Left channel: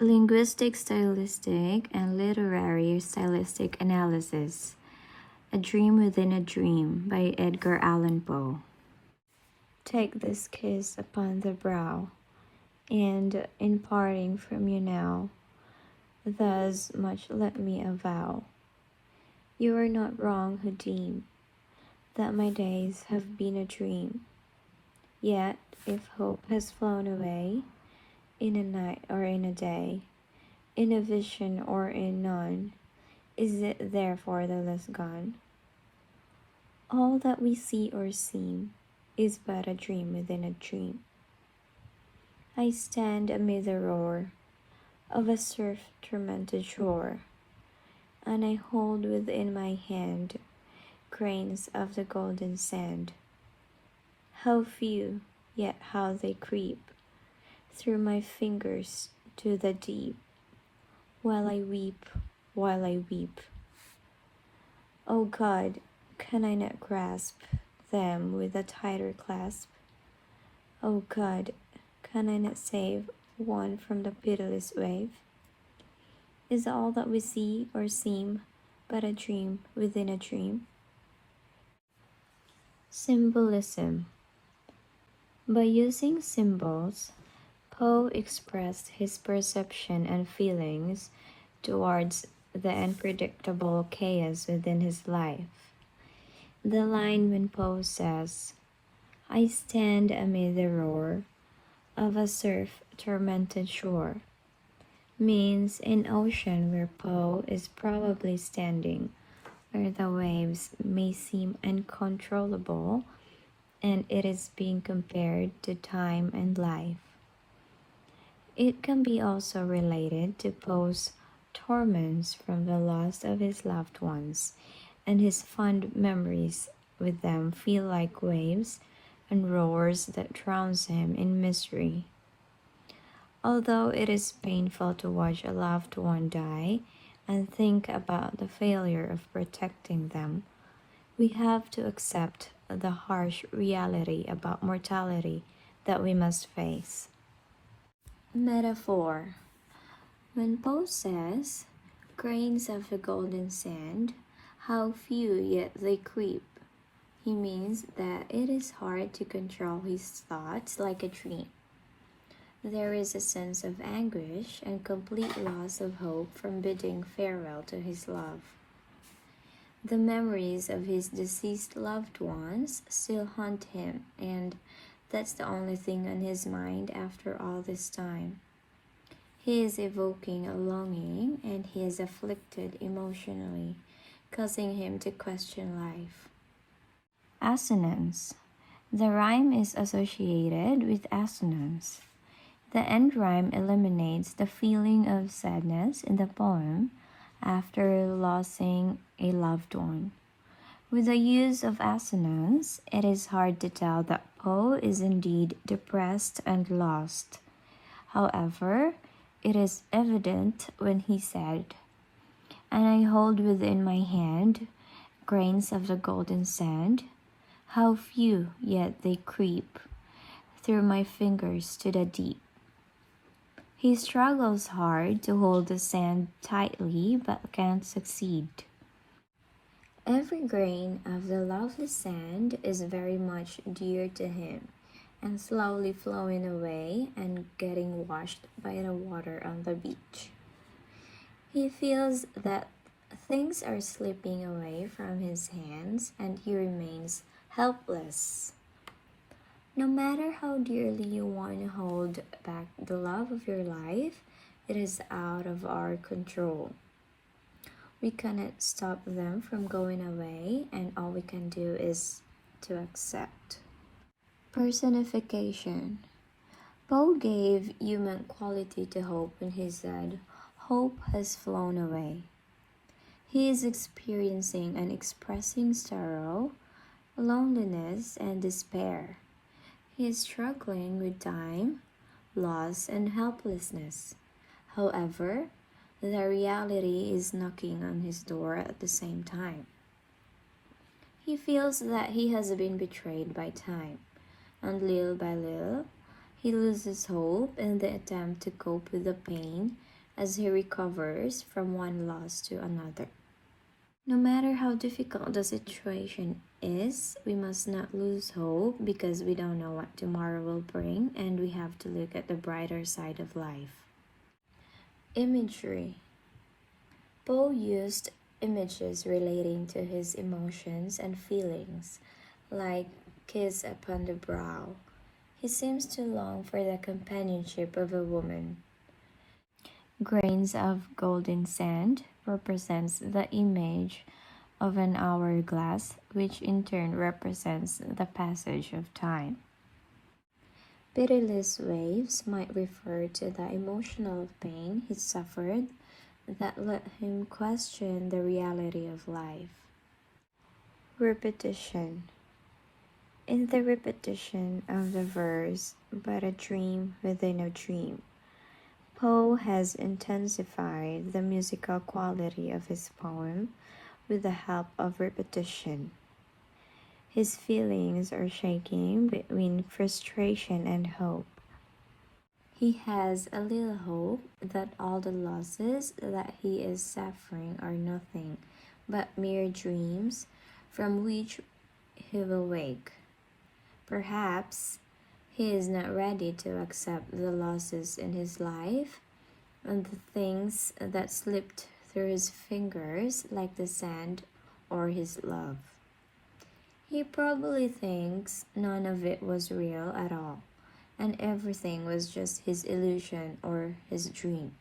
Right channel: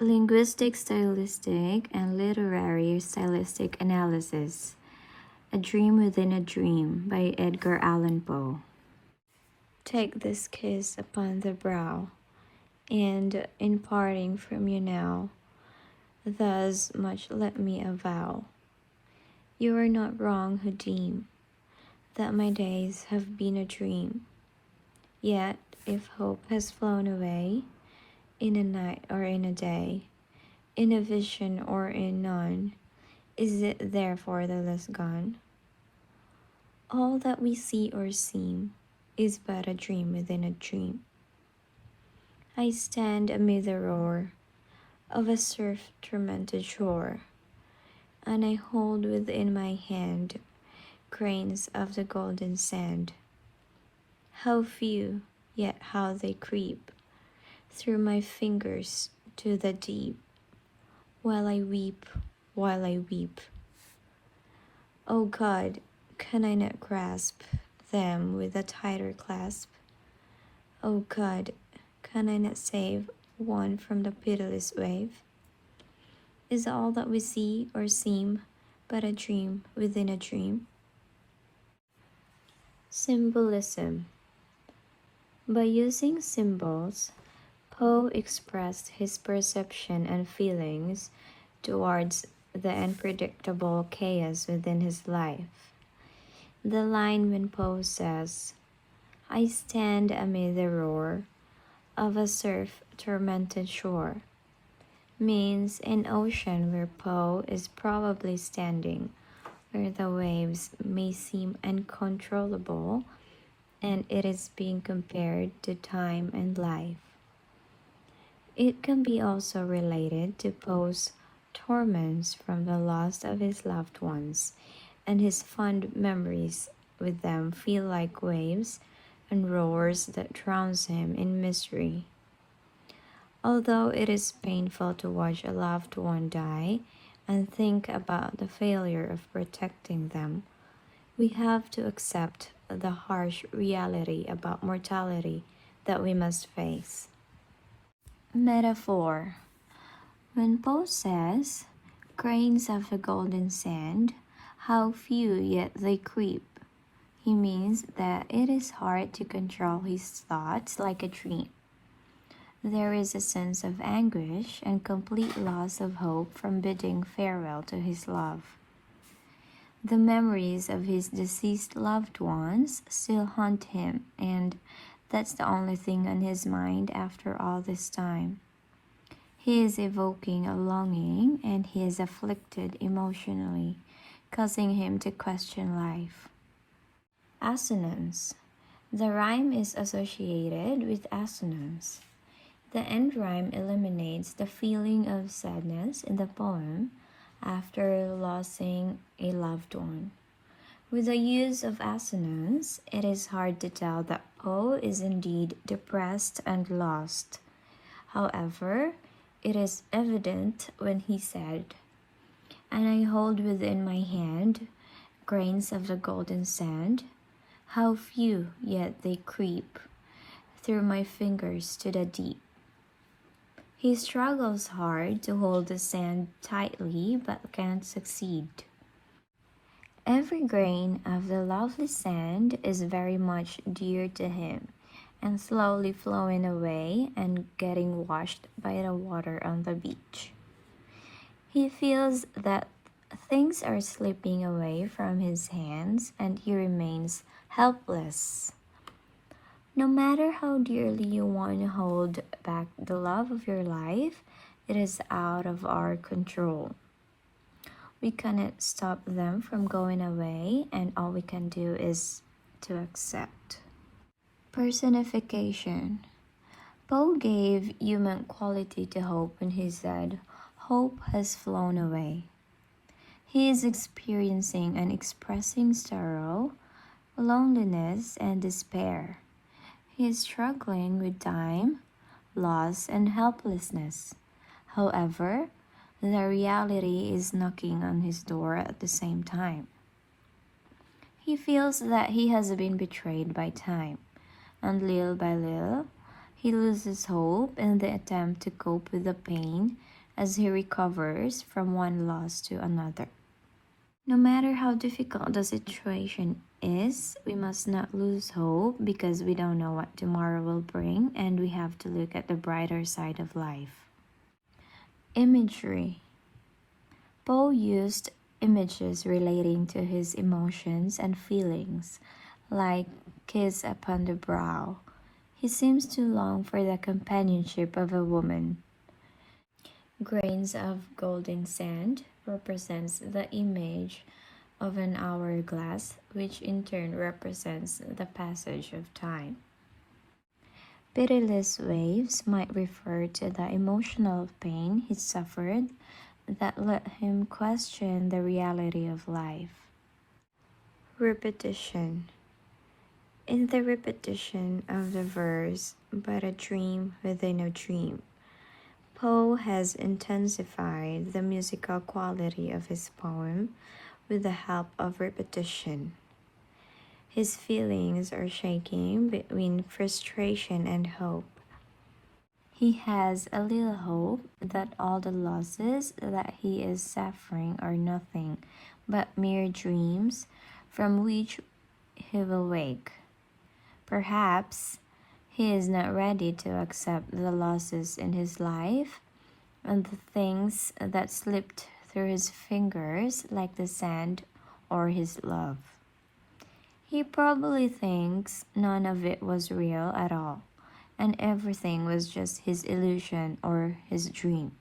Linguistic Stylistic and Literary Stylistic Analysis. A Dream Within a Dream by Edgar Allan Poe. Take this kiss upon the brow, and in parting from you now, thus much let me avow. You are not wrong who deem that my days have been a dream. Yet, if hope has flown away, in a night or in a day, in a vision or in none, is it therefore the less gone? All that we see or seem is but a dream within a dream. I stand amid the roar of a surf-tormented shore, and I hold within my hand grains of the golden sand. How few, yet how they creep through my fingers to the deep, while I weep, while I weep. O God, can I not grasp them with a tighter clasp? O God, can I not save one from the pitiless wave? Is all that we see or seem but a dream within a dream? Symbolism. By using symbols, Poe expressed his perception and feelings towards the unpredictable chaos within his life. The line when Poe says, I stand amid the roar of a surf-tormented shore, means an ocean where Poe is probably standing, where the waves may seem uncontrollable, and it is being compared to time and life. It can be also related to Poe's torments from the loss of his loved ones, and his fond memories with them feel like waves and roars that drowns him in misery. Although it is painful to watch a loved one die and think about the failure of protecting them, we have to accept the harsh reality about mortality that we must face. Metaphor. When Poe says, grains of the golden sand, how few yet they creep, he means that it is hard to control his thoughts like a dream. There is a sense of anguish and complete loss of hope from bidding farewell to his love. The memories of his deceased loved ones still haunt him, and that's the only thing on his mind after all this time. He is evoking a longing, and he is afflicted emotionally, causing him to question life. Assonance. The rhyme is associated with assonance. The end rhyme eliminates the feeling of sadness in the poem after losing a loved one. With the use of assonance, it is hard to tell that Poe is indeed depressed and lost. However, it is evident when he said, And I hold within my hand grains of the golden sand, how few yet they creep through my fingers to the deep. He struggles hard to hold the sand tightly but can't succeed. Every grain of the lovely sand is very much dear to him, and slowly flowing away and getting washed by the water on the beach. He feels that things are slipping away from his hands and he remains helpless. No matter how dearly you want to hold back the love of your life, it is out of our control. We cannot stop them from going away, and all we can do is to accept. Personification. Poe gave human quality to hope when he said, Hope has flown away. He is experiencing and expressing sorrow, loneliness, and despair. He is struggling with time, loss, and helplessness. However, the reality is knocking on his door at the same time. He feels that he has been betrayed by time, and little by little, He loses hope in the attempt to cope with the pain as he recovers from one loss to another. No matter how difficult the situation is, we must not lose hope because we don't know what tomorrow will bring, and we have to look at the brighter side of life. Imagery. Poe used images relating to his emotions and feelings, like kiss upon the brow. He seems to long for the companionship of a woman. Grains of golden sand represents the image of an hourglass, which in turn represents the passage of time. Pitiless waves might refer to the emotional pain he suffered that led him question the reality of life. Repetition. In the repetition of the verse, but a dream within a dream, Poe has intensified the musical quality of his poem with the help of repetition. His feelings are shaking between frustration and hope. He has a little hope that all the losses that he is suffering are nothing but mere dreams from which he will wake. Perhaps he is not ready to accept the losses in his life and the things that slipped through his fingers, like the sand or his love. He probably thinks none of it was real at all, and everything was just his illusion or his dream.